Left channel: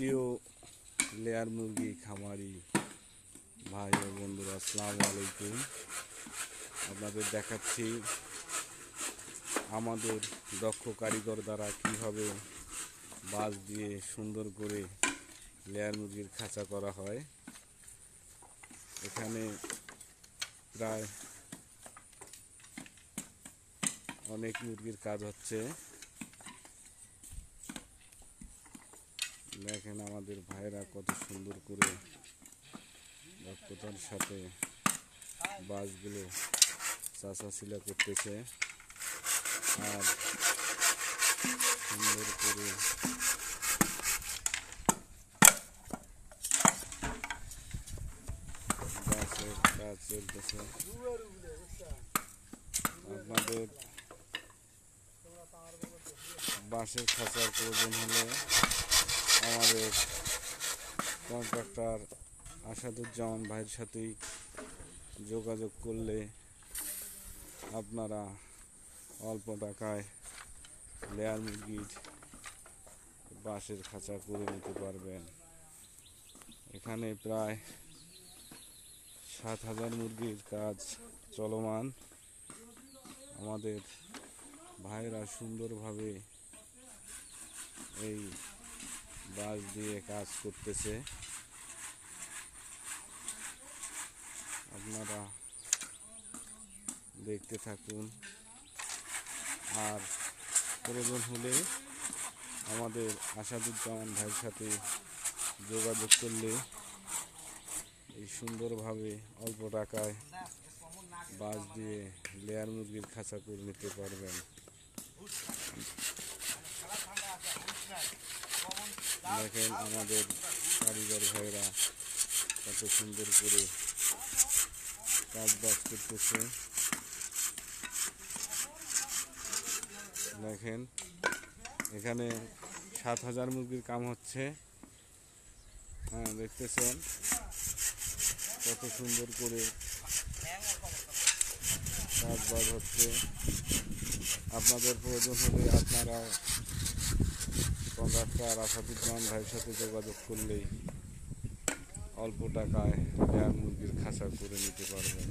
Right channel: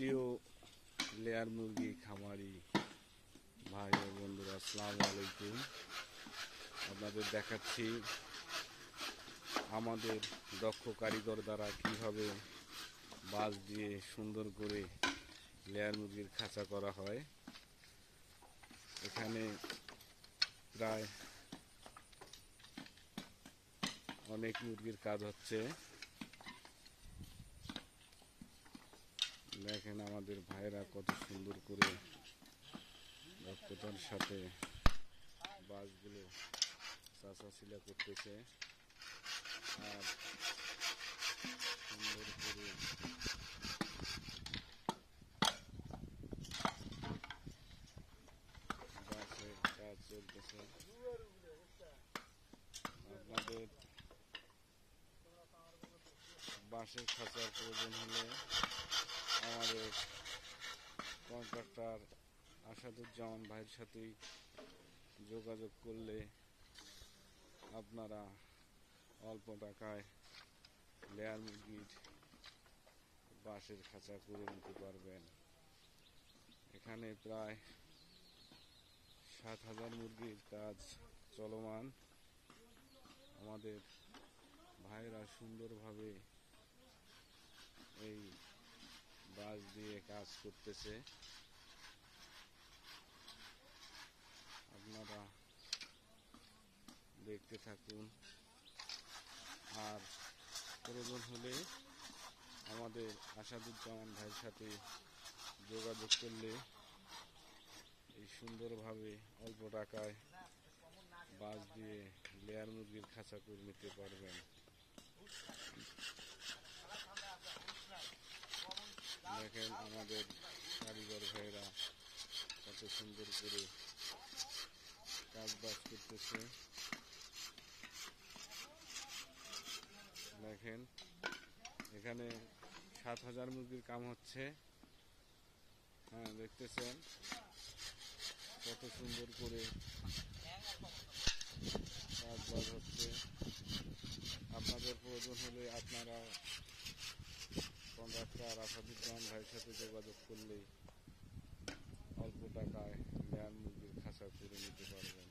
প্রিয় লেয়ার মুরগি খামারি ভাই ও বন্ধুরা, আসসালামু আলাইকুম। আপনাদের দেখাচ্ছি আমাদের দক্ষ কারিগর দ্বারা কিভাবে বাঁশ দিয়ে সুন্দর করে লেয়ার মুরগির খাঁচা করা হয়। এখানে প্রায় অনেক মুরগির কাজ হচ্ছে। দেখেন আমাদের ভাইরা কত সুন্দর করে দক্ষতার সাথে বাঁশগুলো চাচাছিলা করতেছে আর সুন্দর করে বাঁশের কাজ চলতেছে। আপনাদের বাঁশের খাঁচার প্রয়োজন হলে আমাদের কন্ট্রাক্টর আসাদুজ্জামান ভাইয়ের সাথেই যোগাযোগ করলে আপনারা অল্প টাকায় লেয়ার মুরগির বাঁশের খাঁচা করে নিতে পারবেন। এখানে প্রায় 7,000 মুরগির কাজ চলমান। আমাদের ভাইরা সুন্দরভাবে এই বাঁশ দিয়ে কাজ করতেছে। আপনারা দেখতে থাকুন, আর প্রয়োজন হলে আমাদের আসাদুজ্জামান ভাইয়ের সাথে যোগাযোগ করলে এই সুন্দরভাবে অল্প টাকায় বাঁশ দিয়ে লেয়ার মুরগির খাঁচা করে নিতে পারবেন। দেখেন আমাদের কারিগর ভাইরা কত সুন্দর করে কাজ বাজ করতেছে। দেখেন এখানে 7,000 মুরগির কাম হচ্ছে। হ্যাঁ, দেখতেছেন কত সুন্দর করে কাজ বাজ হচ্ছে। আপনাদের প্রয়োজন হলে আপনারা কন্ট্রাক্টর আসাদুজ্জামান ভাইয়ের সাথে যোগাযোগ করলেই অল্প টাকায় লেয়ার মুরগির খাঁচা করে নিতে পারবেন।